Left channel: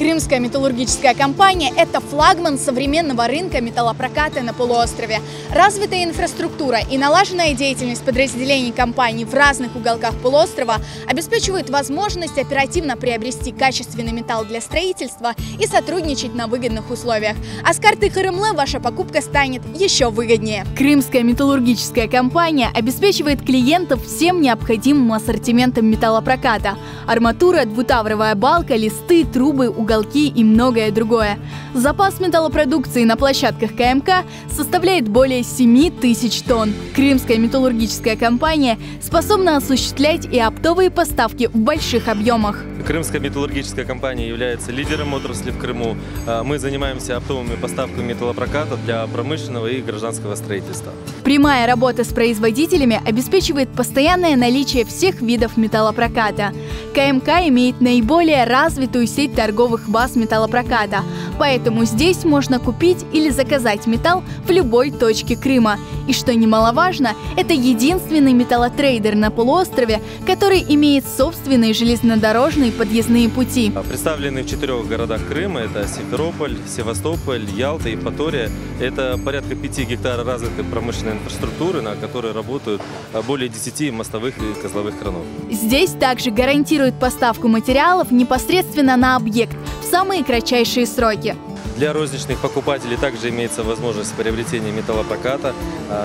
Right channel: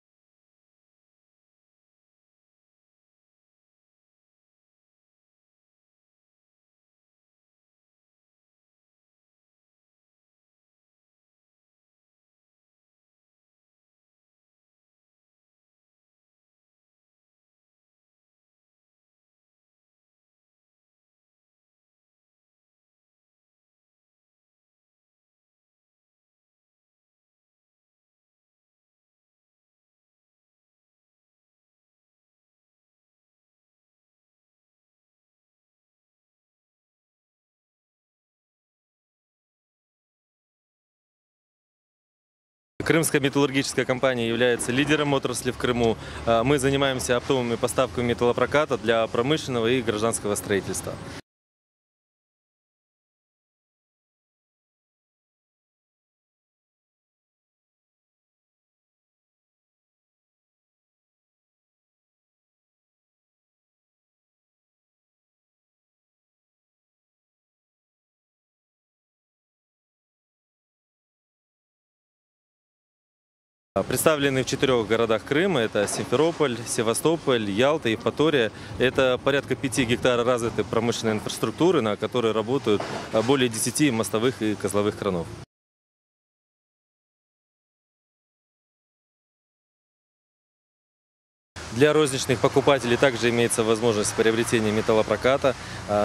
Крымская металлургическая компания – это флагман современного рынка металлопроката на полуострове. Развитая инфраструктура и налаженная деятельность подразделений компании в разных уголках полуострова обеспечивают возможность оперативно приобрести качественный металл для строительства и сотрудничать на выгодных условиях. А с карты ХРМЛ ваша покупка станет еще выгоднее. Крымская металлургическая компания обеспечивает клиентов всем необходимым ассортиментом металлопроката – арматура, двутавровая балка, листы, трубы, уголки и многое другое. Запас металлопродукции на площадках КМК составляет более 7000 тонн. Крымская металлургическая компания способна осуществлять и оптовые поставки в больших объемах. Крымская металлургическая компания является лидером отрасли в Крыму. Мы занимаемся оптовыми поставками металлопроката для промышленного и гражданского строительства. Прямая работа с производителями обеспечивает постоянное наличие всех видов металлопроката. КМК имеет наиболее развитую сеть торговых баз металлопроката, поэтому здесь можно купить или заказать металл в любой точке Крыма. И что немаловажно, это единственный металлотрейдер на полуострове, который имеет собственные железнодорожные подъездные пути. Представлены в 4 городах Крыма – это Симферополь, Севастополь, Ялта и Евпатория. Это порядка 5 гектаров развитой промышленной инфраструктуры, на которой работают более 10 мостовых и козловых кранов. Здесь также гарантируют поставку материалов непосредственно на объект в самые кратчайшие сроки. Для розничных покупателей также имеется возможность приобретения металлопроката.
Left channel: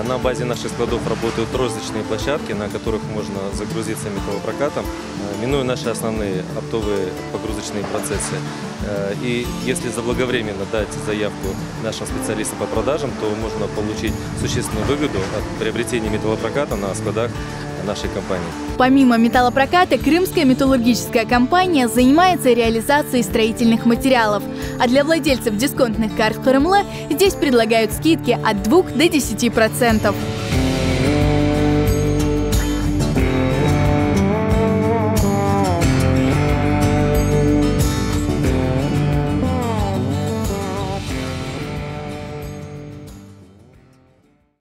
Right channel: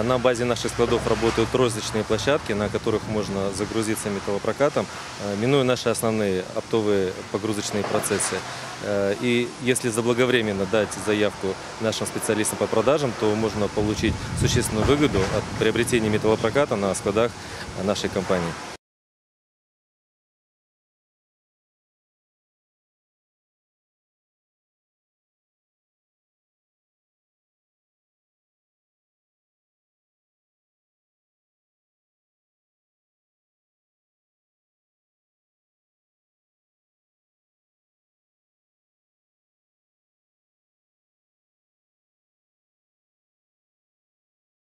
На базе наших складов работают розничные площадки, на которых можно загрузиться металлопрокатом, минуя наши основные оптовые погрузочные процессы. И если заблаговременно дать заявку нашим специалистам по продажам, то можно получить существенную выгоду от приобретения металлопроката на складах нашей компании. Помимо металлопроката, Крымская металлургическая компания занимается реализацией строительных материалов. А для владельцев дисконтных карт ХРМЛ здесь предлагают скидки от 2 до 10%.